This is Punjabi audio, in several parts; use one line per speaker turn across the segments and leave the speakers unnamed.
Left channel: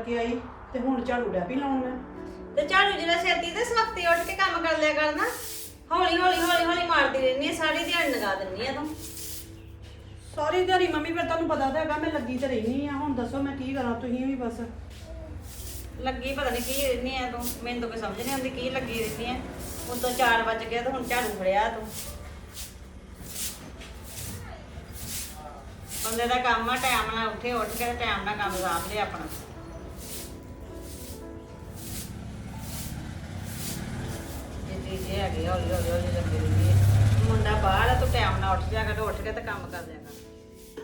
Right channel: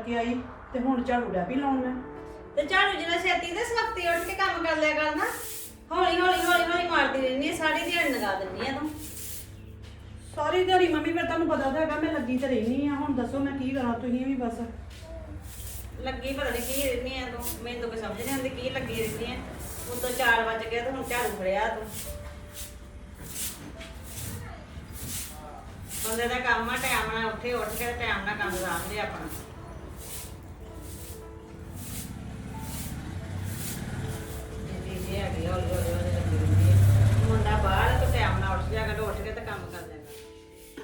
ਕਰਕੇ ਆਈ ਤੇ ਹੁਣ ਝਾੜੂ ਡੈ ਪਈ ਲਾਉਣ ਮੈਂ।
ਤੇ ਝਾੜੂ ਜਿਹੜਾ ਛੇਤੀ ਤੇ ਸਖਤੀ ਉੱਠ ਕੇ ਕੰਮ ਕਰ ਲਿਆ ਕਰਨਾ ਹੌਲੀ ਹੌਲੀ ਹੌਲੀ ਹੌਲੀ ਮਾਰਦੀ ਰਹਿੰਦੀ ਆ, ਸਾਰੀ ਦਿਹਾੜੀ ਲਗਾ ਦਿੰਦੀ ਆ ਤੂੰ।
ਸਾਰੀ ਦਿਹਾੜੀ ਮੰਮੀ ਫਿਰ ਤੁਹਾਨੂੰ ਪਤਾ ਤਾਂ ਹੈਗਾ ਮੈਂ ਲੱਗੀ ਤੇ ਰਹਿਣੀ ਆ। ਹੁਣ ਦੱਸੋ ਮੈਂ ਕੀ ਕਰਾਂ ਤੁਸੀਂ ਵੀ ਬਸ।
ਲੱਗੀ ਪਤਾ ਨਹੀਂ ਕੀ ਰਹਿੰਦੀ ਆ ਤੂੰ ਮੈਨੂੰ ਤਾਂ ਕੋਈ ਸਮਝ ਨਹੀਂ ਆਉਂਦੀ ਕੀ ਲੱਗੀ ਰਹਿੰਦੀ ਆ। ਹੁਣ ਤਾਂ 4 ਵਜ ਗਏ ਤੇ ਹੁਣ ਝਾੜੂ ਫੜਿਆ ਤੂੰ। ਬੰਦੇ ਦਾ ਕੰਮ ਆ ਟਾਈਮ ਨਾਲ ਉੱਠੇ ਉੱਠ ਕੇ ਟਾਈਮ ਨਾਲ ਕੰਮ ਸਾਂਭ ਲਿਆ ਆਪਣਾ। ਹੈਗੀ ਆ, ਹੌਲੀ ਹੌਲੀ ਹੌਲੀ ਲੱਗੀ ਰਹਿੰਦੀ ਆ। ਮੁੰਡਾ ਬਾਹਰ ਆ ਤੂੰ ਟਾਈਮ ਨਾਲ ਉੱਠ ਜਾ ਕਰ ਉੱਠ ਕੇ ਤੇ ਕੰਮ ਕਰ ਲਿਆ ਕਰ।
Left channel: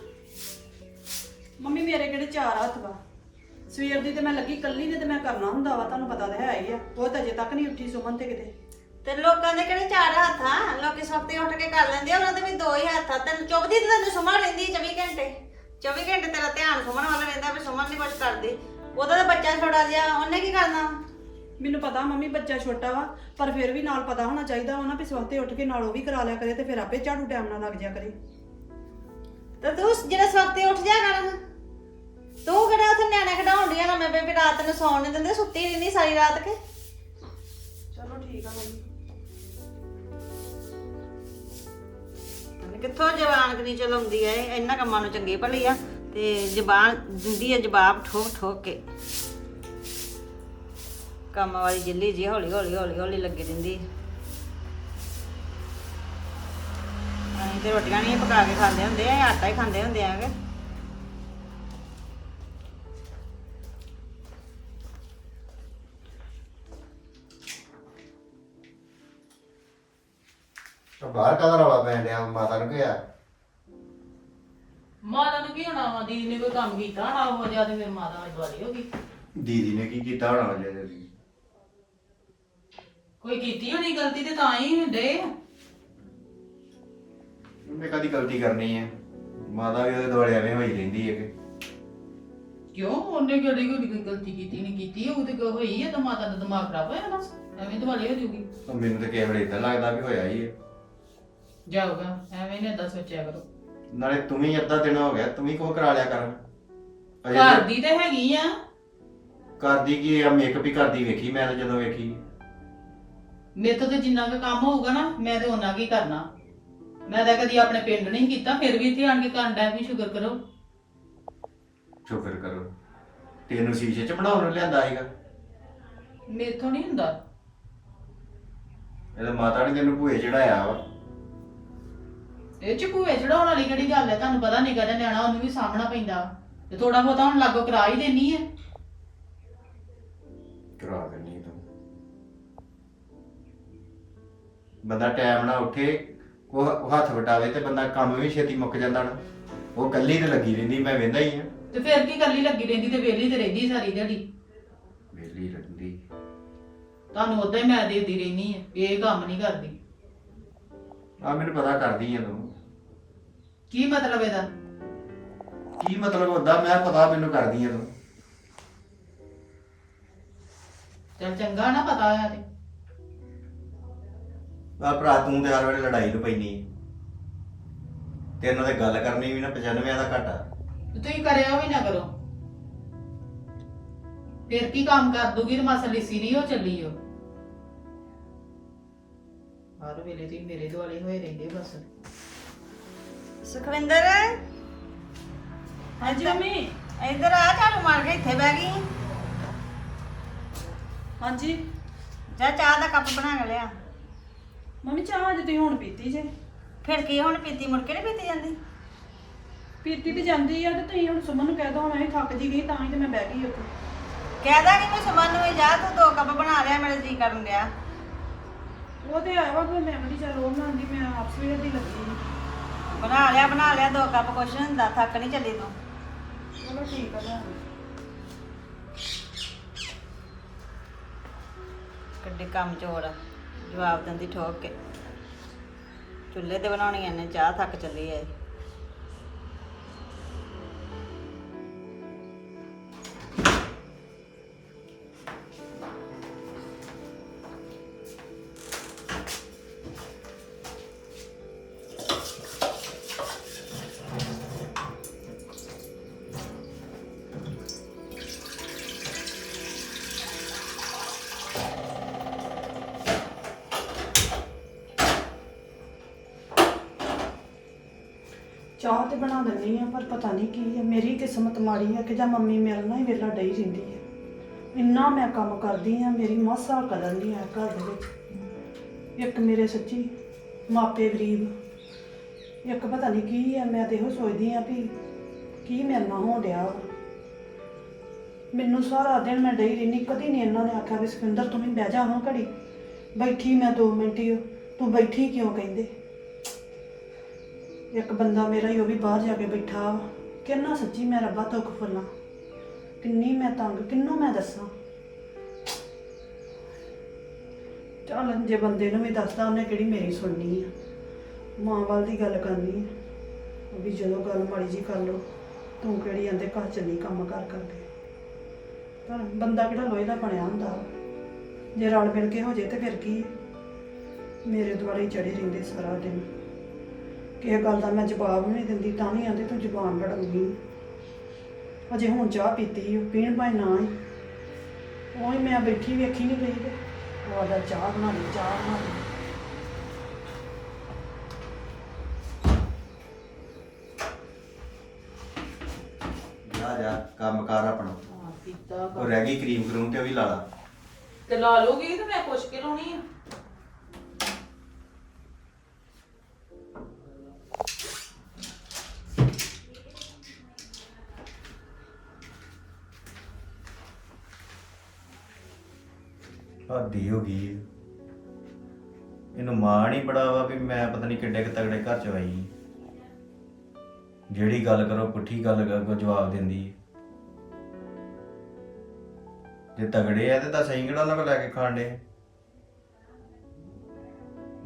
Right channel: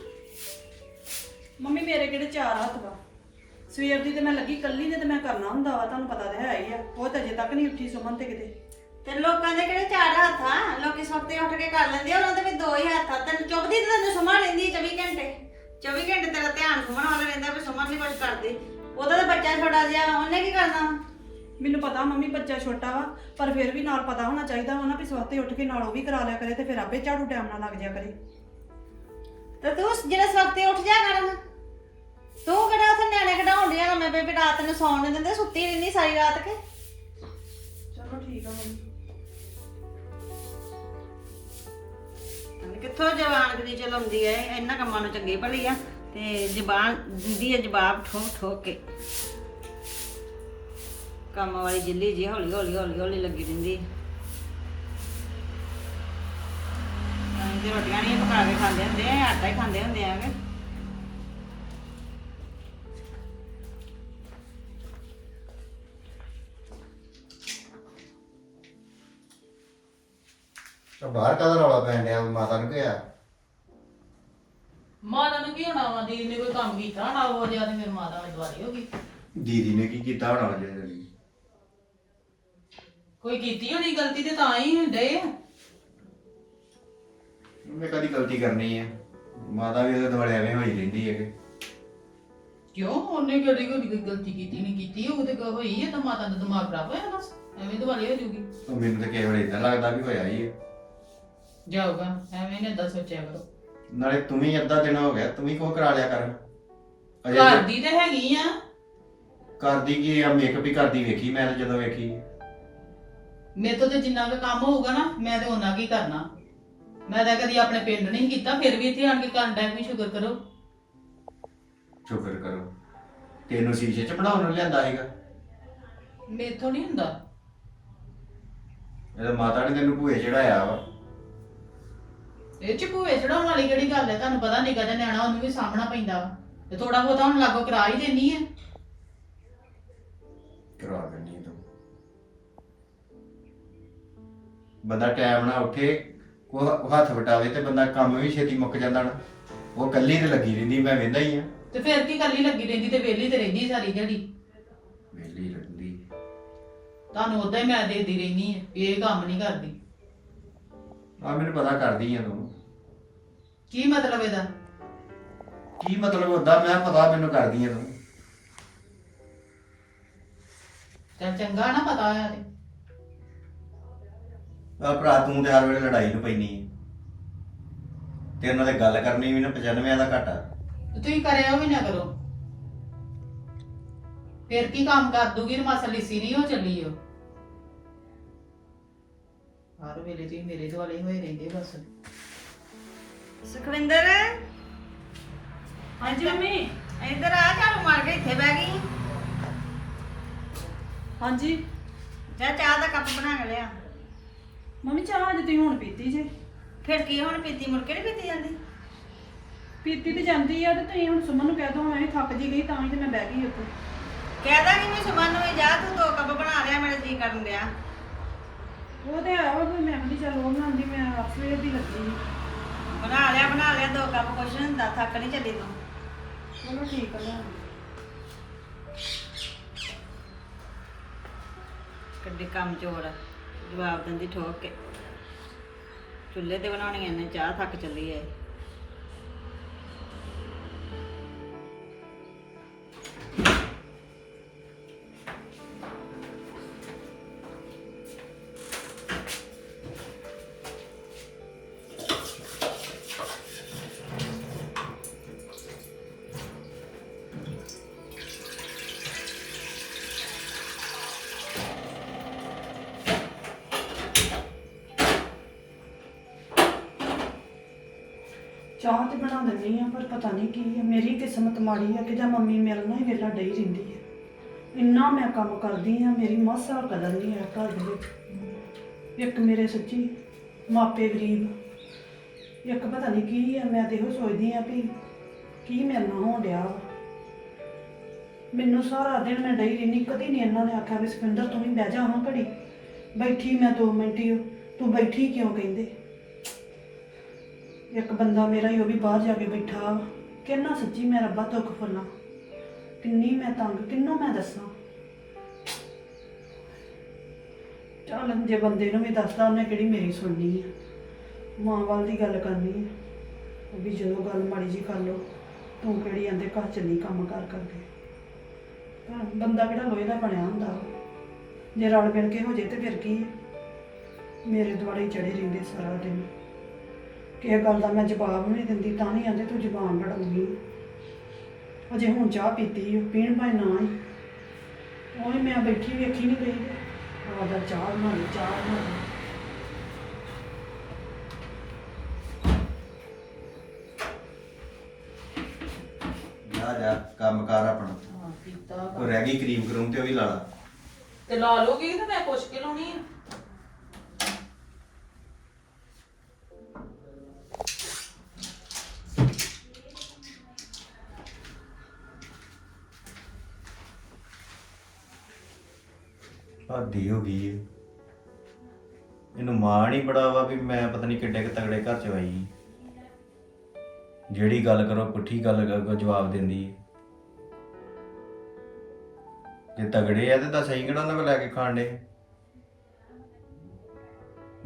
ਮੰਮੀ ਮੇਰੇ ਕਿਹੜੇ ਚਾਰ ਹੱਥ ਵਾ? ਸਵੇਰ ਦੀ ਤੇ ਮੈਂ ਲੱਗੀ ਕੱਲੀ ਨੇ ਤੇ ਮੈਂ ਕਰਨਾ ਹੁੰਦਾ ਵਾ ਤੁਹਾਨੂੰ ਪਤਾ ਤਾਂ ਹੈ ਹੀ ਆ। ਉਹ ਤਾਂ ਅਜੇ ਤੱਕ ਨਹੀਂ ਉੱਠੀ ਸੁਮਨ ਤੇ ਕਿਤੇ।
ਤੇ ਲੋਕਾਂ ਦੇ ਕਿਹੜੇ ਚਾਰ ਹੱਥ ਆ? ਲੋਕੀ ਸਵਖਤੇ ਉੱਠ ਕੇ ਕਰ ਲੈਂਦੇ ਆ ਉਹਨਾਂ ਦੇ ਵੀ ਦੋ ਹੀ ਹੱਥ ਆ। ਤੈਨੂੰ ਚੁੱਕਦੀ ਤੇ ਤੈਨੂੰ ਸੁਮਨ ਲੈਂਦੀ 24 ਘੰਟੇ। 24 ਘੰਟੇ ਤੇਰਾ ਧਿਆਨ ਸੁਮਨ ਵੱਲ ਰਹਿੰਦਾ ਵੀ ਸੁਮਨ ਨਹੀਂ ਕੁਝ ਕਰਦੀ। ਉਹਦਾ ਤਾਂ ਬੱਚਾ ਛੋਟਾ ਜਿਹਾ ਉਹਨੇ ਕੀ ਕਰਨਾ?
ਮੈਨੂੰ ਪਤਾ ਮੰਮੀ ਬੱਚਾ ਛੋਟਾ ਵਾ, ਪਰ ਫਿਰ ਵੀ ਨਾਲ ਪਤਾ ਹੋਣਾ ਚਾਹੀਦਾ ਵਾ ਨਾ ਵੀ ਸਵਖਤੇ ਉੱਠ ਕੇ ਨਾਲ ਉਹ ਵੀ ਕਰਾ ਲਿਆ ਕਰੇ ਤੇ ਫਿਰ ਆਪੇ ਝਾੜੂ ਟਾਈਮ ਨਾਲ ਲੱਗ ਜਾ ਕਰੇ।
ਤੇ ਤੂੰ ਜਿਹੜਾ ਸਵਖਤੇ ਉੱਠ ਜਾ ਕਰਨ ਤੂੰ ਕਿਹੜਾ ਉੱਥੇ ਨਿਆਣੇ ਖਡਾਉਂਦੀਆਂ ਨਾ? ਮੈਂ ਬੇਬੀ ਰਾਤ ਨੂੰ ਸੌਣ ਨਹੀਂ ਦਿੰਦੇ, ਸੁੱਤੀ ਰਹਿੰਦੀ ਸਾਰੀ ਰਾਤ ਕੇ।
ਚਲੋ ਠੀਕ ਆ ਮੰਮੀ।
ਕਿੱਥੋਂ ਜਵਾਨ ਕਰੀ ਚਲਾਉਂਦੀ ਐ? ਇਹਨਾਂ ਕੰਮਾਂ ਨੂੰ ਚੰਗੀ ਭਲੀ ਆ ਤੇ ਜ਼ਬਾਨ ਦਿੰਦੀ ਐ ਜਵਾਬ ਠੋਕ ਠੋਕ ਕੇ। ਕੰਮ ਵਾਲੀ ਜਿੱਲੀ ਜੀ ਹੌਲੀ ਹੌਲੀ ਹੌਲੀ ਹੌਲੀ ਲੱਗੀ ਰਹਿੰਦੀ। ਅਸੀਂ ਤੇ ਰੋਟੀਆਂ ਨਹੀਂ ਪਕਾ ਕੇ ਖਾਂਦੇ ਹੁੰਦੇ ਆ ਆਟਾ ਹੀ ਖਾਂਦੇ ਹੁੰਦੇ ਆਗੇ
ਤਾਂ ਬਾਹਰ ਕਾਹਦਾ ਰੌਲਾ ਪੈਣ ਡਿਆ ਮਾਤਾ ਨੂੰ ਕਿਹਾ?
ਮਾਤਾ ਨੂੰ ਕੀ ਹੋਣਾ ਵਾ? ਦੀਦੀ ਨੇ ਕੋਈ ਕੰਮ ਕੀਤਾ ਹੋਣਾ ਉਹ ਜ਼ਿਆਦਾ ਮੇਰੀ ਮਾਤਾ ਨਾਲ ਦਵਾਰੀ ਹੋ ਗਈ।
ਦੀਦੀ ਨੇ ਕੀ ਕੀਤਾ ਹੋਣਾ ਲਈ
ਕੋਈ ਕੀਤੀ ਹੋਣੀ ਗਲਤੀ ਤੇ ਤਾਂ ਹੀ ਹੁੰਦੇ
ਉਹਨੇ ਕਦੀ ਗਲਤੀ ਕਰਨੀ ਹੈ ਮਾਤਾ ਵੀ ਉਹਦੇ ਦੁਆਲੇ ਐਵੇਂ ਹੋਈ ਰਹਿੰਦੀ ਹੈ ਕਿ
ਕਿਉਂ? ਉਹਨੇ ਕਿਹੜੀ ਕੋਈ ਗਲਤੀ ਕੀਤੀ ਨਹੀਂ ਕੀਤੀ। ਉਹ ਤੇ ਕੋਈ ਹੋਈ ਹੈ ਤਾਂ ਮਾਤਾ ਦਾ ਦਿਮਾਗ ਖਰਾਬ ਹੋਇਆ ਬਸ। ਐਵੇਂ ਦਵਾਲੀ ਹੋ ਜੂਗੀ
ਤਾਂ ਮੈਨੂੰ ਤਾਂ ਕੇਵਲ ਇਦਾਂ ਲੱਗਦਾ ਵੀ ਹੋਇਆ ਹੀ ਹੈ
ਜਾਊਗਾ। ਐਵੇਂ ਨੇ ਦੱਸ ਸੋਚਿਆ ਕਰੋ।
ਨਾਲੇ ਤੂੰ ਵੀ ਅੱਧਾ ਦਿਨ ਹੋ ਗਿਆ ਤੂੰ ਵੀ ਕੋ ਕਰਾ ਲਿਆ ਕਰ। ਅਜੇ
ਘਰ ਦੀ ਤੇ ਹੈਗੀ ਆ।
ਕਰਦੀ ਕੀ ਆ? ਮੇਕਅਪ ਹੀ ਕਰਦੀ ਵੇਖੀ ਮੈਂ ਤਾਂ ਜਦੋਂ ਵੇਖੀ।
ਮੇਰੇ ਤੋਂ ਤੇ ਜਿੰਨਾ ਵੀ ਕੰਮ ਹੋਊਗਾ ਨਾ ਮੈਂ ਤੇ ਉਹਨਾਂ ਕੀ ਕਰਨਾ। ਮੈਂ ਤਾਂ ਕਦੀ ਆਪਣੇ ਪਿੰਡ ਨਹੀਂ ਕੀਤਾ ਫਿਰ ਵੀ ਇੱਥੇ ਆਣ ਕੇ ਕਰਨ ਦਾ ਵੀ ਸ਼ੁਕਰ ਕਰੋ।
ਸ਼ੁਕਰ ਕਰੋ। ਤੈਨੂੰ ਸ਼ੀਸ਼ੇ 'ਚ ਬਣਾਉਣ ਨੂੰ ਲਿਆਂਦਾ ਸੀਗਾ।
ਮੇਥੋਂ ਨਹੀਂ ਹੁੰਦਾ।
ਇਹਦਾ ਮਾਤਾ ਨੇ ਤੈਨੂੰ ਭੂਏ ਚੜਾਇਆ ਵਾ।
ਇਹ ਚ ਭੂਏ ਚੜਾਉਣ ਵਾਲੀ ਕਿਹੜੀ ਗੱਲ ਹੈ? ਤੁਹਾਨੂੰ ਪਤਾ ਨਿੱਕਾ ਜਿਹਾ ਨਿਆਣਾ ਉਹਨੂੰ ਵੀ ਸਾਹਮਣਾ ਪੈਂਦਾ। ਤੇ ਥੋੜਾ ਬਹੁਤਾ ਹੁਣ ਲਾਗੋ ਕਰਾ ਹੀ ਦੇਣੀ ਹੈ।
ਕਰਵਾ ਦੇਣੀ ਬੰਦਾ ਟਾਈਮ ਨਾਲ ਉੱਠੇ ਉਹ ਹੱਥ ਵਟਾਵੇ ਤੇ ਬੰਦਾ ਕੰਮ ਵੀ ਛੇਤੀ ਮੁੱਕ ਜਾਂਦਾ ਨਾ। ਉਹ ਕੱਲੀ ਤੇ ਲੱਗੀ ਰਹਿੰਦੀ ਮੈਂ ਵੇਂਦਾ ਹੀ ਆ।
ਤੇ ਫਿਰ ਕੀ ਕੱਲੀ ਲੱਗੀ ਰਹਿੰਦੀ ਤੇ ਵਿਹਲੀ ਤੇ ਰਹਿੰਦੀ ਸਾਰੀ ਦਿਹਾੜੀ?
ਵੇਲੀ ਰਹਿੰਦੀ।
ਤੁਹਾਨੂੰ ਉਦਾਂ ਹੀ ਮੈਂ ਦੇਦੀ ਰਹਿਣੀ ਹੈ ਵੀ ਇਹ ਕੰਮ ਨਹੀਂ ਕਰਦੀ।
ਆ ਮੈਨੂੰ ਪਤਾ ਕਰਦੀ ਆ ਤੂੰ।
ਕੀ ਮਤਲਬ ਇਹਦਾ?
ਕੀ ਮਤਲਬ ਹੁੰਦਾ ਮੈਂ ਪਤਾ ਮੈਨੂੰ ਕਰਦੀ ਆ ਤੂੰ।
ਚੱਲ ਚੰਗਾ ਨਾ ਪਤਾ ਆ ਤੇ।
ਆ ਭਰਾ ਤੂੰ ਤੇ ਹਰ ਵੇਲੇ ਲੜਾਈ ਨੂੰ ਪੈਣੀ ਤੈਨੂੰ ਤੇ ਗੱਲ ਕਰਨੀ ਵੀ ਨਾ 95 ਦਾ ਘਾਟਾ।
ਤੇ ਤੁਸੀਂ ਕਰਿਆ ਵੀ ਨਾ ਕਰੋ। ਫਿਰ ਕੀ ਕੰਮ ਕਰ ਦੂਗੀ ਮਾਸਾ ਲਿਸੀ ਨਹੀਂ ਉਹ ਚੱਲੀ ਉਹ ਹਰ ਵੇਲੇ ਤੁਸੀਂ ਮੇਰੇ ਦੁਆਲੇ ਹੋਏ ਰਹਿੰਦੇ ਬਸ।
ਸੁਖਵਿੰਦਰ?
ਹਾਂਜੀ ਮੰਮੀ।
ਇੱਧਰ ਆ ਝਾੜੂ ਮਾਰ ਕੇ ਇੱਥੇ ਬਹਿ ਗਈ।
ਹਾਂਜੀ।
ਜਾ ਚਾਹ ਦਾ ਕੱਪ ਬਣਾ ਕੇ ਲਿਆ।
ਮੰਮੀ ਚਾਹ ਅੱਜ ਤੁਸੀਂ ਹੁਣ ਪੀਤੀ ਜੇ?
ਫਿਰ ਕੀ ਹੁਣ ਪੀਤੀ ਮੁੜ ਕੇ ਨਹੀਂ ਪੀਤੀ ਜਾਂਦੀ?
ਪੀਤੀ ਤੇ ਜਾਂਦੀ ਆ ਤੇ ਤੁਸੀਂ ਹੁਣ ਸੁਮਨ ਨੂੰ ਕਹਿ ਦੋ ਮੈਂ ਵੀ ਥੱਕ ਜੀ ਗਈ ਤਾਂ ਹੀ ਤੇ ਮੈਂ ਬਹਿ ਗਈ ਉੱਥੇ।
ਕਹਿਦਾ ਕਿ ਮੈਂ ਸਮਾਨ ਨੂੰ ਵੀ ਜਾ ਤੂੰ ਦੋ ਕੱਪ ਬਣਾ ਲਿਆ ਮੇਰੇ ਜੀ ਕਰਨ ਡਿਆ।
ਉਹ ਤੇ ਆਇਆ ਵਾ ਫਿਰ ਮੈਂ ਕਹਿੰਦੀ ਚੱਲ ਉਹ ਬਣਾਉਂਦੀ ਮੈਂ ਆਪ ਸਵੇਰ ਦੀ ਲੱਗੀ ਸੀ।
ਬਣਾ ਲਿਆ ਬਣਾ ਲਿਆ ਦੋ ਕੱਪ ਕੁਛ ਨੀ ਹੁੰਦਾ ਥੱਕ ਨਹੀਂ ਚੱਲੀ ਤੂੰ।
ਚਲੋ ਠੀਕ ਆ ਲਿਆ
ਕਿੱਡੀ ਕੰਮ ਚੋਰ ਆ। ਜਵਾਬ ਦਿੰਦੀ ਠੋਕ ਕੇ। ਚੁੱਲ੍ਹੇ ਤੇ ਬਣਾਉਣੀ ਨੇ ਚਾਹ ਥੱਕ ਚੱਲੀ ਐ
ਚਾਹ ਤੇ ਬਣਾ ਦਿੰਦੀ ਆ ਪਰ ਪਤਾ ਨਹੀਂ ਕੀ ਹੈ। ਮੇਰੀ ਕਿਸਮਤ ਮਾੜੀ ਹੈ ਕਿ ਜਾਂ ਮੰਮੀ ਮੇਰੇ ਨਾਲ ਹੀ ਵੇਲਾ ਡਈ ਰਹਿੰਦੀ ਹੈ। ਇੰਨਾ ਮੈਂ ਕੰਮ ਕਰਦੀ ਆ ਮੇਰੀ ਮਾਸਾ ਕਦਰ ਨਹੀਂ ਆ ਘਰ ਦੇ ਵਿੱਚ। ਇੱਕ ਮੇਰੇ ਸੱਚੀ ਮਾਪੇ ਗਰੀਬ। ਇੱਕ ਪਤਾ ਨਹੀਂ ਕੀ ਹੈ, ਮੈਂ ਤੇ ਇਹੋ ਸੋਚਦੀ ਆ ਵੀ ਕੀ ਮੇਰੇ ਨਾਲ ਹੋ ਰਿਹਾ ਵਾ। ਮੈਨੂੰ ਸਾਰਾ ਦਿਨ ਮੈਂ ਡਈ ਰਹਿੰਦੀ, ਕਦੀ ਨਹੀਂ ਇਹਨਾਂ ਨੇ ਆਖਿਆ ਵੀ ਸਿਕੰਦਰ ਤੂੰ ਵੀ ਬਹਿ ਜਾ ਹਾਂ ਘੜੀ। ਬੈਠੀ ਮੈਂ 2 ਮਿੰਟ ਹੀ, ਤੂੰ ਬੈਠੀ ਕਿਉਂ ਕਹਿੰਦੇ? ਇੱਕ ਬੰਦਾ ਮੇਰਾ ਹੀ ਉਹ ਵੀ ਬਾਹਰ ਜਾ ਕੇ ਬੈਠਾ। ਕਿੰਨਾ ਸੱਚੀ ਮੈਂ ਰੱਬਾ ਦੁੱਖ ਫੁੱਲਾਂ ਕਿੰਨੀ ਮੈਂ ਤੰਗ, ਕਿੰਨੂੰ ਮੈਂ ਦੱਸਾਂ। ਚੱਲ ਜੇ ਬੰਦੇ ਨੂੰ ਵੀ ਦੱਸਦਾ, ਉਹਨੇ ਕਿਹੜੀ ਮੇਰੀ ਸੁਣਨੀ ਆ। ਮਾਂ ਵੱਲ ਦੀ ਗੱਲ ਕਰਨੀ ਹੈ ਉਹ ਵੀ ਜਦੋਂ ਗੱਲ ਮਾੜੀ ਜੀ ਕਰ ਲੋ ਤੂੰ ਕਿਹੜੀ ਆਂਦੇ ਘਰ ਚ ਨਹੀਂ ਕੰਮ ਕਰ ਕਰਕੇ ਪਰ ਬੰਦਾ ਕਿਹੜਾ ਲੋਹੇ ਦਾ ਬਣਿਆ ਹੁੰਦਾ। ਵਾ। ਜੇ ਰਲ ਮਿਲ ਕੇ ਹੋ ਜੇ ਤੇ ਫਿਰ ਕੀ ਹੈ ਮੇਰੇ ਦੁਆਲੇ ਚੜੇ ਰਹਿੰਦੇ ਸਾਰਾ ਦਿਨ। ਕਿਸੇ ਗੱਲ ਦਾ ਮੈਂ ਜਵਾਬ ਨਹੀਂ ਦਿੰਦੀ ਤਾਂ ਵੀ ਆਂਦੇ ਤੂੰ ਜ਼ੁਬਾਨ ਲੜਾਉਂਦੀ। ਅਜੇ ਹੁਣ ਚਾਹ ਪੀਤੀ ਓ, ਪੀਣ ਭਾਈ ਨਾ ਹੀ ਉਹੀ ਮੈਂ ਬੈਠੀ ਵੇਖੀ ਨਹੀਂ ਗਈ ਉਹ ਆਦਾ ਚਾਹ ਬਣਾ ਲਈ ਚਾਹ ਬਣਾ ਲਈ।
ਜਾ ਜਾ ਕੰਮ ਕਰ ਆਪਣਾ।
ਹਾਂ ਕੀਤਾ
ਉਹ ਰਹਿ ਗਈ ਕਰੀਮ ਕਰੂਮ ਤੇ ਉਹ ਵੀ ਲਾ ਲਾ।
ਤੇ ਲਾ ਲੋਗੀ ਤੇ ਮੈਂ ਪੁੱਛ ਕੇ ਲਾਉਣੀ ਆ।
ਹੱਦੀ ਹੋ ਗਈ ਏ। ਇਹਨੂੰ ਮਾਣ ਹੀ ਬੜਾ ਵਾ ਵੀ ਮੈਂ ਪਤਾ ਨਹੀਂ ਕਿੱਡੇ ਕੁ ਤਗੜੇ ਘਰ ਚ ਆਈ ਜਿਹੜੀ ਗੱਲ ਕਰੋ, ਪੁੱਠੀ ਗੱਲ ਕਰੋ ਜਵਾਬ ਦਿੰਦੀ ਏ ਜੇ ਤਗੜੇ ਆ ਤੇ ਤਾਂ ਸਹੀ ਕਿਹੜਾ ਉਹਨਾਂ ਕੋਲ ਲੈ ਕੇ ਖਾਣ ਦੇ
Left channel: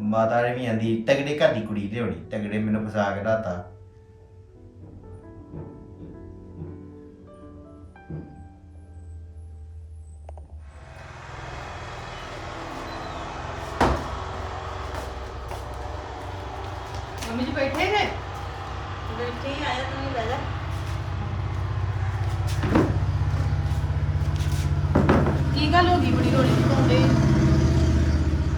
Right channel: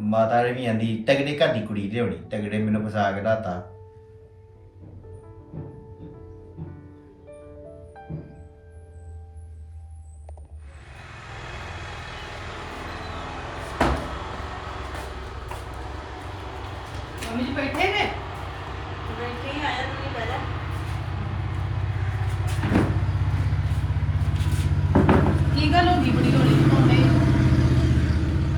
ਮਾਤਾ ਨੇ ਵੀ ਆਂਦੀ, ਤਗੜੇ ਘਰ ਦੀ ਕੁੜੀ ਲਿਆਉਣੀ, ਤਗੜੇ ਮੈਨੂੰ ਫਸਾ ਕੇ ਰਾਤਾ
ਮੰਮੀ ਜੀ ਬੈਠੇ ਨੇ?
ਬੈਠੇ ਹੀ ਆਇਆ ਤੂੰ ਬਹਿ ਜਾ
ਕੀ ਗੱਲ ਹੋ ਗਈ ਬੜੀ ਰੋਲੀ ਪਾਉਂਦੇ?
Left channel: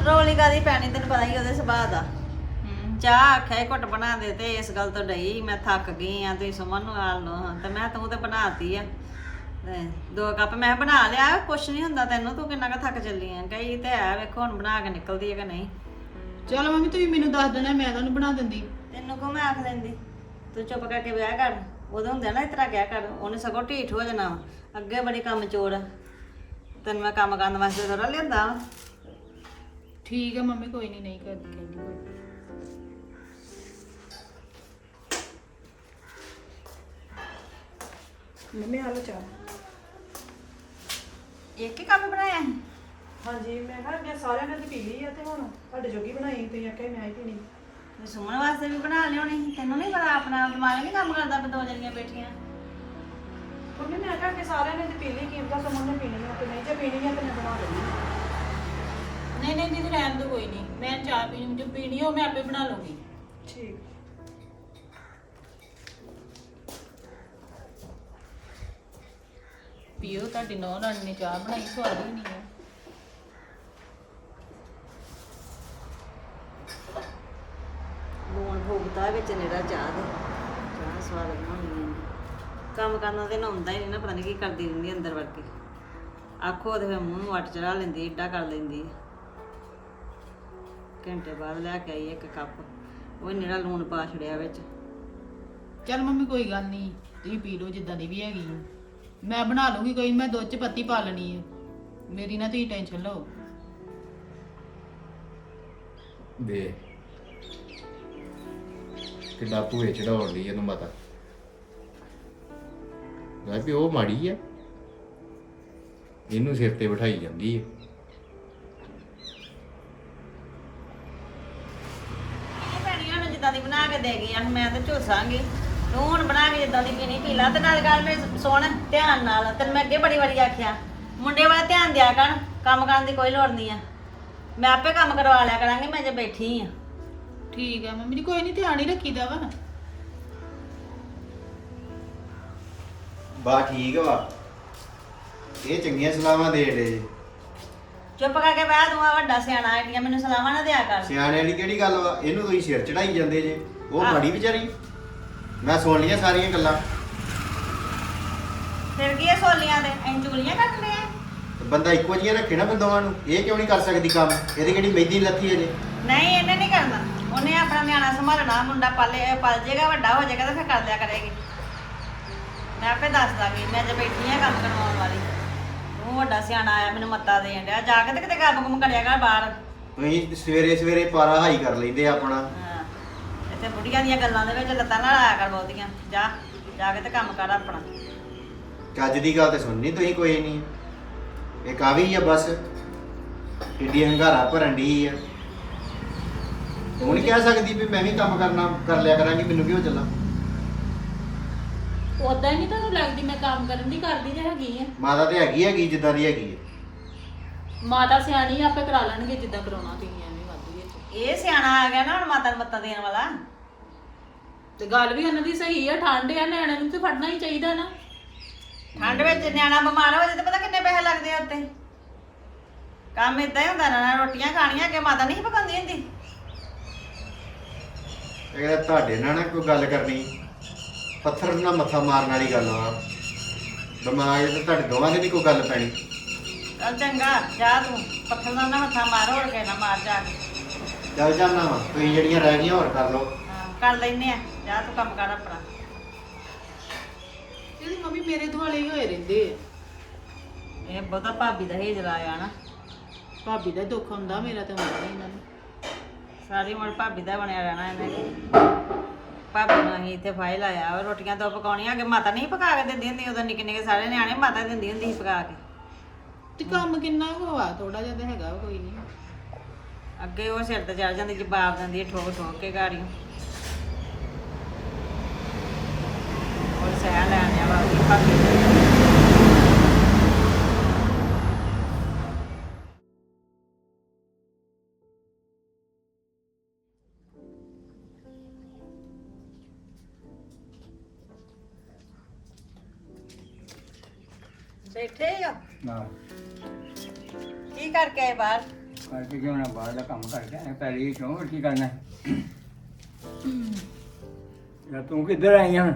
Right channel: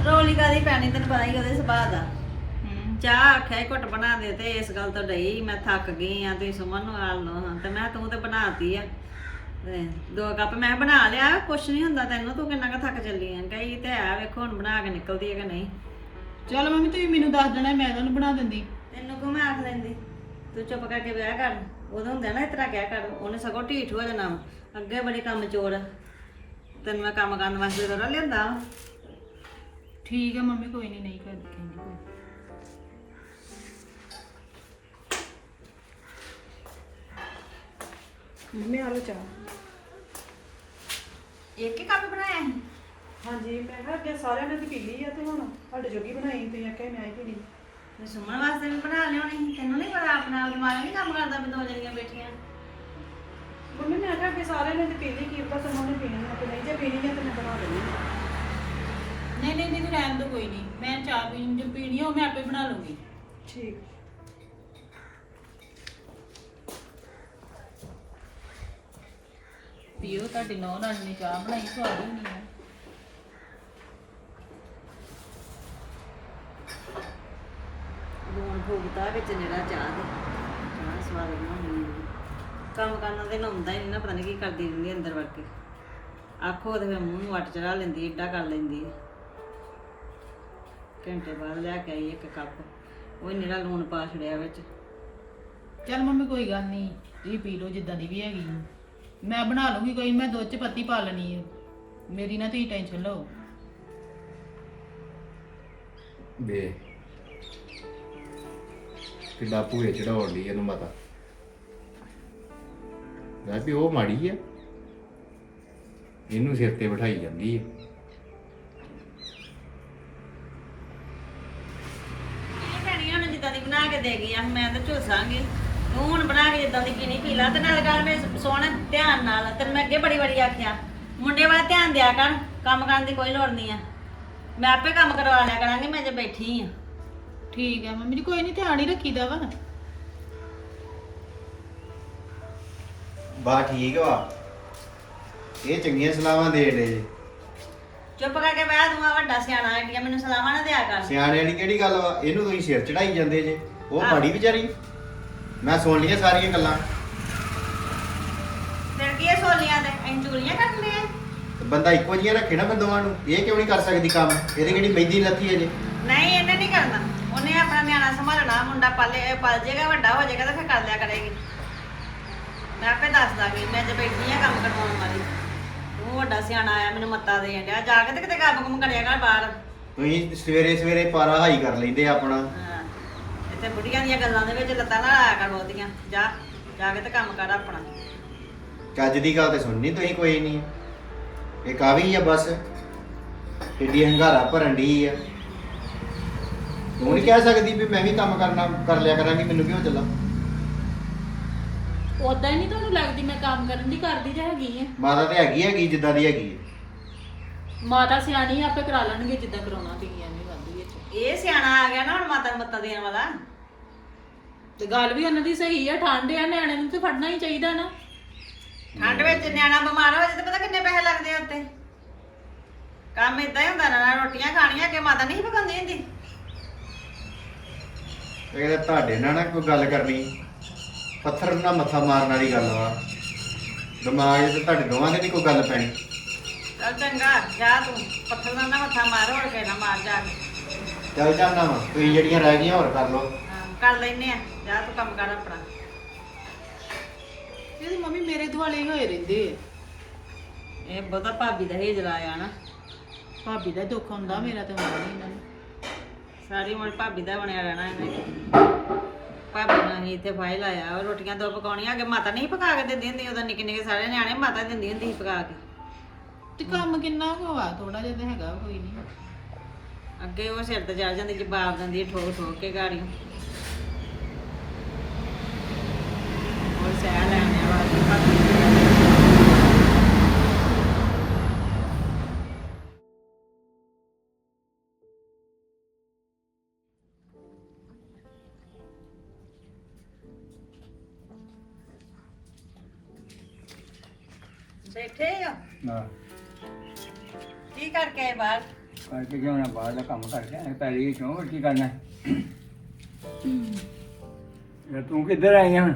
ਰੋਲੀ ਕਾਦੀ ਪੈਣੀ ਤੈਨੂੰ ਪਤਾ ਹੀ ਉਹਦੇ ਸੁਭਾਅ ਦਾ।
ਹੂੰ।
ਚਾਹ ਆਖਿਆ ਘੁੱਟ ਬਣਾ ਦੇ ਤੇ ਇਸ ਗੱਲ ਤੋਂ ਡਈ ਮੈਂ ਥੱਕ ਗਈ ਆ ਤੁਸੀਂ ਸੁਮਨ ਨੂੰ ਆਲ ਨੂੰ ਤੇ ਮੈਂ ਤੂੰ ਤੇ ਬਣਾਤੀ ਆ। ਦੋ ਕੱਪ ਮੈਂ ਬਣਾ ਲਿਆ ਕੁਛ ਨਹੀਂ ਹੁੰਦਾ ਤੈਨੂੰ ਤੂੰ ਕਿੰਨਾ ਕੁ ਥੱਕ ਚੱਲੀ ਆ। ਕਈ ਤੇ ਆ ਵੇਖੋ ਹੁਣ ਬਣਾ ਕੇ ਨਿਕਲਦੀ ਹੈ ਕਿ ਨਹੀਂ।
ਚਲ ਮੰਮੀ ਤੁਸੀਂ ਮੈਨੂੰ ਦੱਸ ਦੇਣਾ ਮੈਂ ਤੁਹਾਨੂੰ ਬਣਾ ਦਿੰਦੀ।
ਤੈਨੂੰ ਕੋ ਮੈਂ ਆਖ ਲੈਂਦੀ? ਤੂੰ ਚੁੱਪ ਕਰਕੇ ਵਿਆਹ ਕਰ। ਉਦੋਂ ਹੁੰਦਾ ਨਾ ਇਸ ਤਰ੍ਹਾਂ ਕਿਹਾ ਕਰ। ਉਹਨੇ ਸਗੋਂ ਢੀਠ ਹੋ ਜਾਣਾ। ਅੱਗੇ ਬੜੀ ਕੰਮ ਚੋਰ। ਆ। ਤੈਨੂੰ ਮੈਂ ਕੰਮ ਕਰਨ ਵਾਸਤੇ ਥੋੜਾ ਲਿਆਂਦਾ ਵਾ।
ਠੀਕ ਹੈ ਮੰਮੀ ਕੋਈ ਨਹੀਂ ਨਹੀਂ ਕਰਦੀ ਕਹਿੰਦੀ ਕੋਈ।
ਮੰਮੀ ਆ ਲੋ ਚਾਹ।
ਇੱਕ ਹੀ ਕੱਪ ਬਣਾਇਆ ਸੀ?
ਹਾਂਜੀ ਮੈਂ ਕਿਹਾ ਅੱਗੇ ਸਾਰਿਆਂ ਨੇ ਤੇ ਪੀ ਲਈ ਆ ਤੇ ਹੁਣ ਤੁਹਾਡੇ ਜੋਗੀ ਬਣਾਈ ਤੁਸੀਂ ਆਖਿਆ ਮੈਂ ਹੀ ਪੀਣੀ।
ਤੇ ਸੁਮਨ ਵਾਸਤੇ ਵੀ ਬਣਾ ਲਿਆਉਣੀ ਸੀ ਤੈਨੂੰ ਨਹੀਂ ਪਤਾ ਆਪਣਾ ਦਿਮਾਗ ਨਹੀਂ ਕੰਮ ਕਰਦਾ ਵੀ ਦੋ ਜਣੀਆਂ ਬੈਠੀਆਂ।
ਮੰਮੀ ਮੈਂ ਕਿਹਾ ਅੱਗੇ ਸਾਰਿਆਂ ਨੇ ਤੇ ਪੀ ਲਈ ਕੀ ਪਤਾ ਤੁਹਾਨੂੰ ਪੀਣੀ ਆ ਤੇ ਨਹੀਂ ਜੇ ਪੀਣੀ ਆ ਤੇ ਮੈਂ ਬਣਾ ਲੈਣੀ
ਨਹੀਂ ਨਹੀਂ ਦੀਦੀ ਰਹਿਣ ਦੋ ਕੋਈ ਨਹੀਂ। ਮੈਂ ਚਾਹ ਪੀਣੀ ਜੋ ਪੀਣੀ ਉਹ ਮੈਂ ਆਪੇ ਬਣਾ ਲੂੰਗੀ
ਠੀਕ।
ਪੀਓ ਤੁਹਾਡੀ ਨੌਂ ਰਾਣੀ ਨੇ ਚਾਹ ਬਣਾਈ ਸਵਾਦ ਹੀ ਨਹੀਂ ਹੈ
ਭੁਗਤਾ ਵਿੱਚ ਨਿਹਰਾ ਚਾਹ ਦੇ। ਚਾਹ ਸਵਾਦ ਬਣਾਉਣੀ ਆ। ਕੰਮ ਕਰਨਾ ਤੇ ਨਹਾਉਂਦਾ ਹੀ ਨਹੀਂ ਨਾ ਪਤਾ ਨਹੀਂ ਕੀ ਕਰਦੀ ਰਹਿੰਦੀ ਅੰਦਰ ਵੜ ਕੇ ਆਖੋ ਤੇ ਫਿਰ ਮੂੰਹ ਨੂੰ ਵੱਟ ਚੜਾ ਲੈਂਦੀ ਏਡਾ ਕਰ ਲੈਂਦੀ। ਘੰਟੇ ਬਾਅਦ ਲੈ ਕੇ ਆਈ ਇੱਕ ਕੱਪ। ਉਹ ਨਿਹਰਾ ਲੂਣ ਪਾ ਛੜਿਆ ਵਿੱਚ।
ਚਲ ਮੰਮੀ ਕੋਈ ਗੱਲ ਨਹੀਂ ਤੁਸੀਂ ਪੀ ਲਓ ਜਿੱਦਾਂ ਦੀ ਵੀ ਹੈਗੀ। ਮੈਂ ਬਣਾ ਲੂੰਗੀ ਕੋਈ ਮੈਂ ਦੁੱਧ ਚ ਪੱਤੀ ਪਾ ਲੈਣੀ ਹੈ ਮੇਰੀ ਨਾ ਤੁਸੀਂ ਟੈਨਸ਼ਨ ਲਓ।
ਦੇ ਕਿੱਡਾ ਭੂਏ ਚੜਾਉਣ ਲਈ ਇਹਨੂੰ ਮਾਤਾ ਯਾਰ ਵੀ ਉਹ ਮਾੜੀ ਆ। ਇਹਨੂੰ ਸਿਰ ਤੇ ਬਿਠਾਈ ਜਾਂਦੀ ਹੈ
ਭੈਣੀਆਂ ਨੂੰ ਜਿੱਦਾਂ ਦੀ ਬਣਾ ਕੇ ਦੇ ਆ, ਮੈਂ ਤਾਂ ਝੋਸਾਂਗੀ। ਤੂੰ ਹੁਣ ਬਣਾ ਕੇ ਜਿੱਦਾਂ ਦੀ ਪੀਣੀ, ਪੀ ਲਾ। ਤੇ ਨਾਲ ਗੱਲ ਮੈਂ ਸੁਣ, ਧਿਆਨ ਨਾਲ। ਤੈਨੂੰ ਮੈਂ ਅੱਗੇ ਬੜੀ ਵਾਰੀ ਆਖਿਆ, ਮੁੰਡੇ ਵਾਲਾ ਧਿਆਨ ਦਿਆ ਕਰ, ਕੰਮ ਕਰਨ ਦੀ ਕੋਈ ਲੋੜ ਨਹੀਂ ਆ। ਮੈਂ ਆਪੇ ਕੰਮ ਕਰਵਾ ਲਿਆ ਕਰਾਂਗੀ, ਮੈਂ ਜੇ ਬੈਠੀ ਆ।
ਠੀਕ ਹੈ ਮੰਮੀ ਜੀ ਕੋਈ ਨਹੀਂ ਧਿਆਨ ਹੀ ਰੱਖੀਦਾ ਵਾ।
ਬਾ ਠੀਕ ਵਾ। ਇਹ ਚੰਗੀਆਂ ਸਲਾਹਾਂ ਦੇ ਡੇ
ਚੁੱਪ ਕਰਕੇ ਬਹਿ ਤੂੰ ਆ ਵੱਡਾ ਸਿਆਣਾ ਐਡੀਆਂ ਮੈਨੂੰ ਸਲਾਹਾਂ ਨਾ ਦਿਆ ਕਰ।
ਸਿਆਣਿਆਂ ਦੀ ਕਿਹੜੀ ਗੱਲ ਵਾ? ਇਹਨੂੰ ਤੁਸੀਂ ਸਿਰ ਚੜਾਈ ਜਾਂਦੇ ਜੇ। ਉਹ ਮਾੜੀ ਵਿਚਾਰੀ। ਮੈਂ ਸੁਣ ਲਈਆਂ ਸਾਰੀਆਂ ਗੱਲਾਂ।
ਫਿਰ ਕੀ ਇਹ ਸੋਲੀਆਂ ਦੇ ਅਸੀਂ ਚੂਲੀਆਂ ਕੱਟਨੇ ਆ
ਤੇ ਬੰਦਾ ਇੱਕੋ ਜਿਹੀਆਂ ਰੱਖੇ ਨਾ ਬੰਦੋਆਂ ਨੂੰ। ਇਹ ਕਿਉਂ ਨਹੀਂ ਕਰ ਸਕਦੀ ਕੰਮ? ਇਹਦੀ ਕਿਹੜੀ ਮਹਿੰਦੀ ਲੱਥੀ ਹੈ ਜੇ?
ਨਹੀਂ ਇਹਨੇ ਨਹੀਂ ਕਰਨਾ। ਉਹਨੇ ਆਪਣਾ ਨਿਆਣਾ ਸੰਭਾਲਣਾ ਮੁੰਡਾ ਪਾਲੇ ਪਲ ਜਾਏਗਾ ਵੱਡਾ ਹੋ ਜਾਏਗਾ ਤਾਂ ਫਿਰ ਕਰ ਲਿਆ ਕਰੇਗੀ। ਮੈਂ ਆਪੇ ਦੱਸ ਦਾਂਗੀ ਮੈਂ ਜੇ ਬੈਠੀ ਆ ਕੰਮ ਕਰਵਾਉਣ ਵਾਲੀ। ਤੂੰ ਵੱਡਾ ਸਿਆਣਾ ਆਇਆ ਮੈਨੂੰ ਮੱਤਾ ਦੇਣ ਡਿਆ। ਜਾ ਕੇ ਤੇ ਕਿਤੇ ਕੰਮ ਕੁਮ ਕਰਿਆ ਕਰ ਬਾਹਰ।
ਤੁਸੀਂ ਸਵੇਰੇ ਸਵੇਰੇ ਪਾਰਾ ਹਾਈ ਕਰ ਲੈਂਦੇ ਆ ਆਪਣਾ।
ਹਾਂ। ਇੱਥੇ ਬੁੱਢੀਆਂ ਦੀਆਂ ਗੱਲਾਂ ਦੇ ਵਿੱਚ ਲੱਤਾਂ ਨਾਲ ਆਇਆ ਕਰ ਬਹੁਤੀਆਂ। ਜਾ ਜਾ ਕੇ ਤੇ ਕੰਮ ਕਰ ਆਪਣਾ।
ਚੱਜ ਦੀ ਗੱਲ ਤੇ ਸੁਣਨੀ ਤੁਸੀਂ ਕੋਈ ਨਹੀਂ। ਇਹ ਕਾਵੀ ਆ ਬਸ। ਕਿੱਡੀ ਹੰਗਾਰਾ ਭਰਨ ਦੀ ਆ। ਉਹ ਨਹੀਂ ਕਹਿ ਸਕਦੀ ਵੀ ਮੈਂ ਵੀ ਕੰਮ ਕਰਨਾ ਕਰ ਲਿਆ ਕਰਾਂਗੀ ਮੈਨੂੰ ਕਿਉਂ ਚੱਲਾ?
ਉਦਾਂ ਹੀ ਨਹੀਂ ਤੁਹਾਨੂੰ ਲੱਗਦੀ ਮੈਂ ਕੰਮ ਕਰਨ ਦੀ ਕਰਦੀ ਜਾਂ ਹੈਗੀ ਆ।
ਮਾਤਾ ਤੇ ਹੈਗੀ ਹੈਗੀ ਜਿੱਦਾਂ ਦੀ ਹੈਗੀ ਹੈ
ਮਾਤਾ ਸਿਆਣੀ ਆ, ਆਪੇ ਕਰਾ ਲੈਣਗੇ ਜਿੱਦਾਂ ਕਰਾਉਣਾ ਤੁਸੀਂ ਐਵੇਂ ਵਾਧੂ ਵਿੱਚ
ਇਹ ਸਿਆਣਾ ਆ ਗਿਆ ਨਾ ਹੁਣ ਮਾਤਾ ਨੂੰ ਮੱਤਾ ਦੇਣ ਵਾਲਾ।
ਤੇ ਗੱਲ ਵੀ ਉਹਨਾਂ ਦੀ ਸਹੀ ਆ ਠੰਡ ਆ ਨਿਆਣੇ ਨੂੰ ਤੇ ਫੜਨਾ ਹੀ ਚਾਹੀਦਾ ਨਾ।
ਠੰਡ ਵਿੱਚ ਨਿਆਣਾ ਬਿਮਾਰ ਹੋ ਜਾਏ ਤੇ ਪਤਾ ਕਿੰਨੇ ਪੈਸੇ ਲੱਗਦੇ ਆ ਉੱਤੇ। ਕੰਮ ਇਦਾਂ ਹੀ ਹੁੰਦਾ ਨਾ ਨਾ ਰੋਟੀਆਂ ਖਾਣੀਆਂ ਕਿ ਮਾਤਾ ਨਹੀਂ ਪਕਾਉਂਦੀ ਹੁੰਦੀ।
ਇਹ ਤੁਹਾਡੇ ਨਾਲ ਨਾ ਕੋਈ ਗੱਲ ਕਰਨੀ। ਪੱਥਰ ਨਾਲ ਮੱਥਾ ਮਾਰਨ ਵਾਲੀ ਗੱਲ ਵਾ। ਦਿਮਾਗ 'ਚ ਤੁਹਾਡੇ ਦੋਵਾਂ ਦੇ ਨਹੀਂ ਕੋਈ ਗੱਲ ਪੈਣੀ।
ਚੱਲ ਚੰਗਾ ਜਾ ਤੂੰ। ਪੱਥਰ ਨਾਲ ਨਾ ਮੱਥਾ ਮਾਰ ਹੋਰ ਕੇ ਨਾ ਮਾਰ ਜਾ ਕੇ।
ਚੱਲ ਜਾਂਦਾ ਵਾ। ਤੁਸੀਂ ਜਿਹੜੀਆਂ ਰਹਿ ਗਈਆਂ ਹੋਰ ਕਰ ਲਓ।
ਹਾਂ, ਕਰ ਲੈਨੇ ਆ। ਜਾ ਤੂੰ ਕੰਮ ਕਰ ਆਪਣਾ।
ਇਹਦੀ ਮੰਮੀ ਮੇਰੇ ਦੁਆਲੇ ਹੀ ਹੋਏ ਰਹਿੰਦੇ ਆ।
ਇਹ ਬਹੁਤਾ ਭਾਬੀ ਦਾ ਹੇਜ ਲਾਇਆ ਨਾ।
ਭਾਬੀ ਦਾ ਦੁੱਖ ਹੁੰਦਾ ਮੇਰਾ ਤੇ ਹੁੰਦਾ ਨਹੀਂ ਇਹਨਾਂ ਨੂੰ।
ਸਾਰੀ ਉਮਰ ਭਾਬੀ ਦਾ ਬਣਿਆ ਰਹਿਣਾ ਇਹਨੇ। ਭਾਬੀ ਨੂੰ ਹੀ ਇੱਥੇ ਫਾਈਲ ਆਇਆ ਉਹ ਰੋਟੀਆਂ ਦੋ ਪਕਾਉਣੀਆਂ ਅੱਗੇ ਮਾਤਾ ਨਹੀਂ ਪਕਾ ਕੇ ਦਿੰਦੀ ਹੁੰਦੀ ਉਦੋਂ ਨਿੱਕੇ ਨਿੱਕੇ ਸਾਰੇ ਨਿਆਣੇ ਮਾਤਾ ਦਿੰਦੀ ਹੁੰਦੀ ਸੀ ਪਕਾ ਕੇ।
ਤੇ ਕੰਮ ਕਿੰਨਾ ਕੁ ਆ ਥੋੜਾ ਜਿਹਾ ਤੇ ਹੈਗਾ ਵਾ, ਕੋਈ ਨਹੀਂ।
ਅੱਗੇ ਉਹ ਸਿਰ ਤੇ ਚੜ ਜਾਂਦੀ ਜਵਾਬ ਦਿੰਦੀ ਠੋਕ ਠੋਕ ਕੇ ਗਾੜੀਆਂ ਕੀ ਕਰਕੇ ਆਏ ਬਾਹਰ
ਕਰਕੇ ਕਿਉਂ ਨਾ ਬਾਹਰ ਦਾ ਕੰਮ ਕਰਕੇ ਆਏ ਪਹਿਲੇ ਹੀ ਕਿਉਂ ਹੋਰ ਕੀ ਕਰਨਾ ਹੈ? ਯਾਰ ਤੂੰ ਕਿੱਧਰ ਆਈ ਹੁਣ?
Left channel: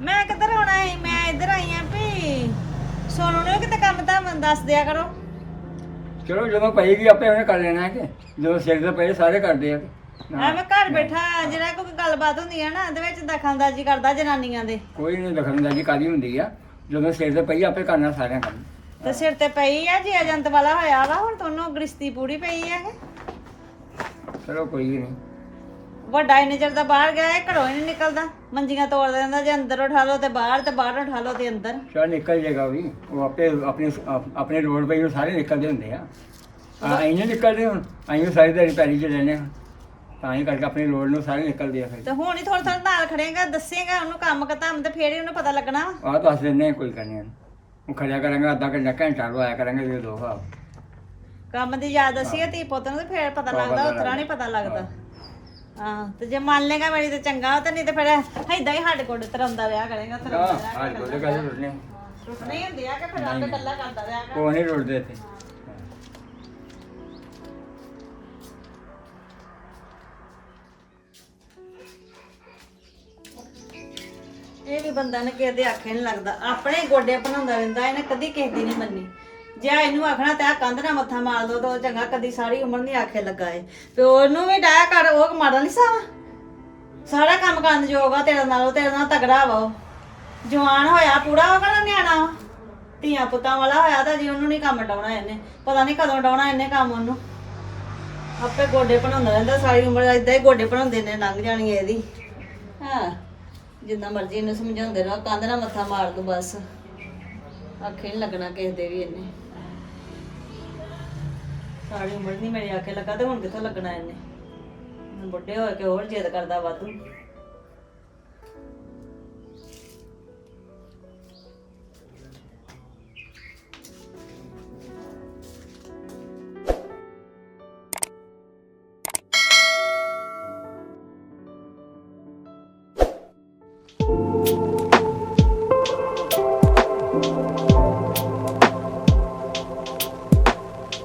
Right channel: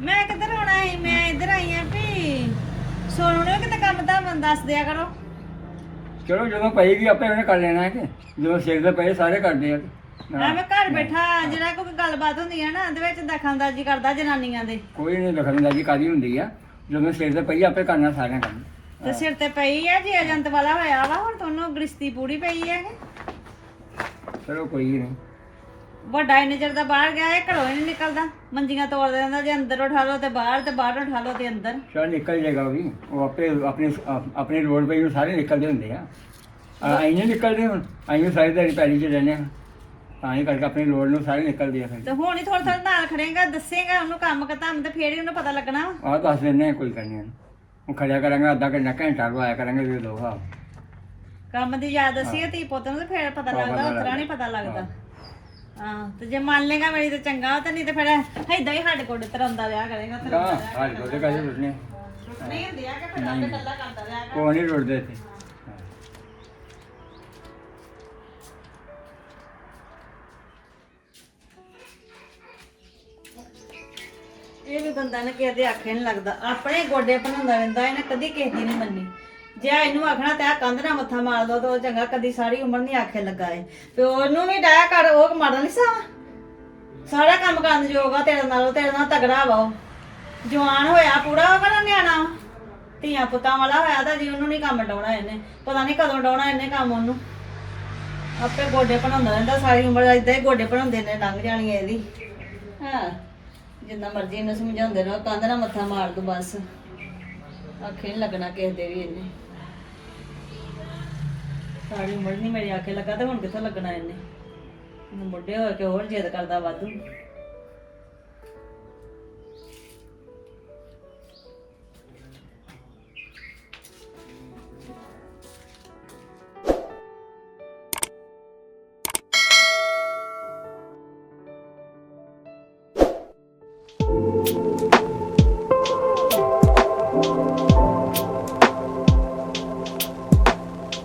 ਮੈਂ ਕਿੱਧਰ ਆਉਣਾ ਹੈ ਮੈਂ ਇੱਧਰ ਆਈ ਆਂ ਵੀ ਸੋਨੂੰ ਨੂੰ ਕਿਤੇ ਕੰਮ ਤਾਂ ਦੱਸ ਦਿਆ ਕਰੋ।
ਚਲੋ ਜਦੋਂ ਪਏਗੀ ਆਪੇ ਉਹਨੇ ਕਰ ਲੈਣਾ ਹੈ ਕਿ ਜਦੋਂ ਸਿਰ ਦੇ ਪਏ ਸਾਰੇ ਕਰਦੇ ਆ ਕਿ।
ਮੈਂ ਘਰ ਬੈਠਾ ਜਿਹੜਾ ਕੋਈ ਗੱਲਬਾਤ ਹੁੰਦੀ ਹੈ ਨਾ ਉਹਦੇ ਵਿੱਚ ਦਖਲਅੰਦਾਜ਼ੀ ਕਰਦਾ ਜਨਾਨੀਆਂ ਦੇ।
ਕੋਈ ਨਹੀਂ ਦਖਲਅੰਦਾਜ਼ੀ ਕਾਦੀ ਹੁੰਦੀ ਆ? ਜਦੋਂ ਸਿਰ ਦੇ ਪਈ ਆਪੇ ਕਰਨਾ ਸਾਰਿਆਂ ਕੰਮ।
ਤੇ ਸਿਰ ਤੇ ਪਈ ਆ ਜੀ ਏਜੰਟ ਵਾਲਾ ਹੋਇਆ ਵਾ ਹੁਣ ਤੁਹਾਨੂੰ ਗ੍ਰਿਸ਼ਤੀ ਪੂਰੀ ਪਈ ਹੈ
ਚਲੋ ਕੋਈ ਨਹੀਂ।
ਵੱਡਾ ਚਿਰ ਦਾ ਬਾਹਰ ਗਿਆ ਇਹ ਘਰੋਂ ਹੀ ਨਹੀਂ ਨਿਕਲਦਾ। ਮੰਜੀਆਂ ਤੋੜ ਦਿੰਦਾ ਜੇ ਅੰਦਰ ਉਠਾ ਲਓ ਤੇ ਬਾਹਰ ਤੇ ਬਾਹਰ ਉਠਾ ਲਓ ਤੇ ਅੰਦਰ।
ਚਲ ਨਿਕਲ ਜਾਏਗਾ ਉਹ ਵੀ। ਉਹ ਆਪੇ ਆਪਣੇ ਆਪ- ਆਪਣੇ ਰੋਡ ਪਈ ਨੂੰ ਸਾਰੇ ਨਿਕਲਦੇ ਹੁੰਦੇ ਆ। ਆਈ ਨਹੀਂ ਨਿਕਲਦੇ ਹੁਣ। ਆਈ ਨੂੰ ਸਾਰੀ ਦਿਹਾੜੀ ਪੈਲੀ 'ਚ ਰਹਿੰਦੇ ਹਾਂ। ਤਾਂ ਹੀ ਕਰਕੇ ਆਪਣੇ ਰੋਡ ਨੂੰ ਸਾਰੇ ਨਿਕਲਦੇ ਆ ਫਿਰ।
ਤੇ ਹੁਣ ਹੀ ਥੋੜਾ ਥੋੜਾ ਨਾਲ ਖੜੇਗਾ ਦੱਸੇਗਾ ਉਹਨੂੰ ਕੰਮ ਕਤਾਮ ਤੇ ਫੇਰ ਹੀ ਉਹਨੂੰ ਪਤਾ ਲੱਗਣਾ।
ਆਹ ਦੱਸ ਦਿੰਦੇ ਆ ਕੋਈ ਕਰਨੀ ਨਹੀਂ। ਉਹ ਖੜਿਆ ਕਰਾਂਗੇ ਅੱਧਾ ਘੰਟਾ ਘੰਟਾ ਲਵਾਇਆ ਕਰਾਂਗੇ ਦੇ ਦੋ ਹਾਂ
ਕੰਮ ਦੀ ਯਾਦ ਦਸੀਏ ਤੀ ਪੁੱਤ ਨੂੰ ਤੇ ਫੇਰ ਪਤਾ ਲੱਗਦਾ ਉਤਰਾ ਨਹੀਂ ਪਤਾ ਲੱਗਦਾ। ਹਾਂ। ਤੇ ਜੇ ਮੰਨ ਲੇਗਾ ਮੇਰੀ ਤੇ ਚੰਗਾ ਤਾਂ ਨਹੀਂ ਤੇ ਫਿਰ ਏਦਾਂ ਹੀ ਸਾਡੇ ਕੋਲ ਤਰਾਉਂਦਾ ਰਿਹਾ ਕਰੇਗਾ
ਹਾਂ
ਤਰਾਉਂਦਾ ਰਿਹਾ
ਹਾਲ ਕੋਲੇ ਕਾਹਦੇ ਰੁੱਟਨੇ
ਨਹੀਂ ਹੁੰਦੀ ਆ ਕਿ ਫਿਰ ਆਪੇ ਗੱਲਾਂ ਕਰਦਾ ਰਿਹਾ
ਕੋਈ ਨਹੀਂ ਰੁੱਟਦੇ ਇੱਥੇ।
ਇਹ ਵੀ ਬੰਦਾ ਨੇ ਕਿਸੇ ਦੇ ਆਖੇ ਨਹੀਂ ਲੱਗਦਾ। ਆਪਣੇ ਗੋਡੇ ਬਣਾਉਂਦਾ ਰਹਿੰਦਾ, ਇਹਨੇ ਕਦੀ ਕਿਸੇ ਦੀ ਨਹੀਂ ਮੰਨੀ। ਜੇ ਇਹਨੂੰ ਆਖਣਾ ਤੇ ਕੰਧ ਨਾਲ ਮੱਥਾ ਮਾਰ ਦੋ ਤਾਂ ਉਹ ਚੰਗਾ ਕਦੀ ਸਾਰੀ ਉਮਰ ਨਹੀਂ ਆਖੇ ਲੱਗਾ ਏ ਤੇ ਉਹਨੂੰ ਵੀ ਡਾਇਆ ਕਰ, ਉਹ ਮਾੜਾ ਨਹੀਂ ਸਾਵਾ ਸਾਰਾ ਕੰਮ ਕਰਨ ਯੋਗ ਆ, ਤੇਰੇ ਨਾਲੋਂ, ਤੇਰੇ ਨਾਲ ਤਗੜਾ ਵਾ ਉਹ। ਜਵਾਨ ਹੋਇਆ, ਪੂਰਾ ਉਹ ਕਿਹੜਾ ਨਿਆਣਾ ਧੀਆਂ ਪੁੱਤਾਂ ਵਾਲਾ ਹੋਇਆ ਤਾਂ ਜੀ, ਉਹਨੂੰ ਨਹੀਂ ਕੰਮ ਡਾਉਣਾ ਇਹਨੇ। ਪਤਾ ਨਹੀਂ ਕਦੋਂ ਡਾਉਣਾ ਇਹਨੇ ਕੰਮ ਉਹਨੂੰ। ਆਪੇ ਗੋਡੇ ਬਣਾਉਂਦਾ ਰਹਿੰਦਾ, ਸਾਰੀ ਉਮਰ ਇਦਾਂ ਹੀ ਗੋਡੇ ਬਣਾਉਂਦੇ ਨੇ, ਲੰਘ ਜਾਣੀ ਇਹਦੀ। ਹਾਂ। ਜਿੰਨਾ ਮਰਜ਼ੀ ਇਹਨੂੰ ਸਮਝਾਉਂਦੇ ਰਹੋ, ਕੰਧ ਨਾਲ ਮੱਥਾ ਮਾਰ ਦੋ ਬਸ। ਆਖੇ ਨਹੀਂ ਲੱਗਣਾ ਕਿਸੇ ਦੇ ਵੀ ਇਹਨੇ। ਸਾਰੀ ਉਮਰ ਨਹੀਂ ਮੇਰੀ ਆਖੇ ਲੱਗਾ ਤੇ ਹੁਣ ਕਿੱਥੋਂ ਲੱਗਣਾ ਇਹਨੇ? ਹੁਣ ਬੁੱਢੇ ਹੋ ਕੇ ਹੋਰ ਜਿੱਦ ਕਰਦਾ ਵਾਧੂ।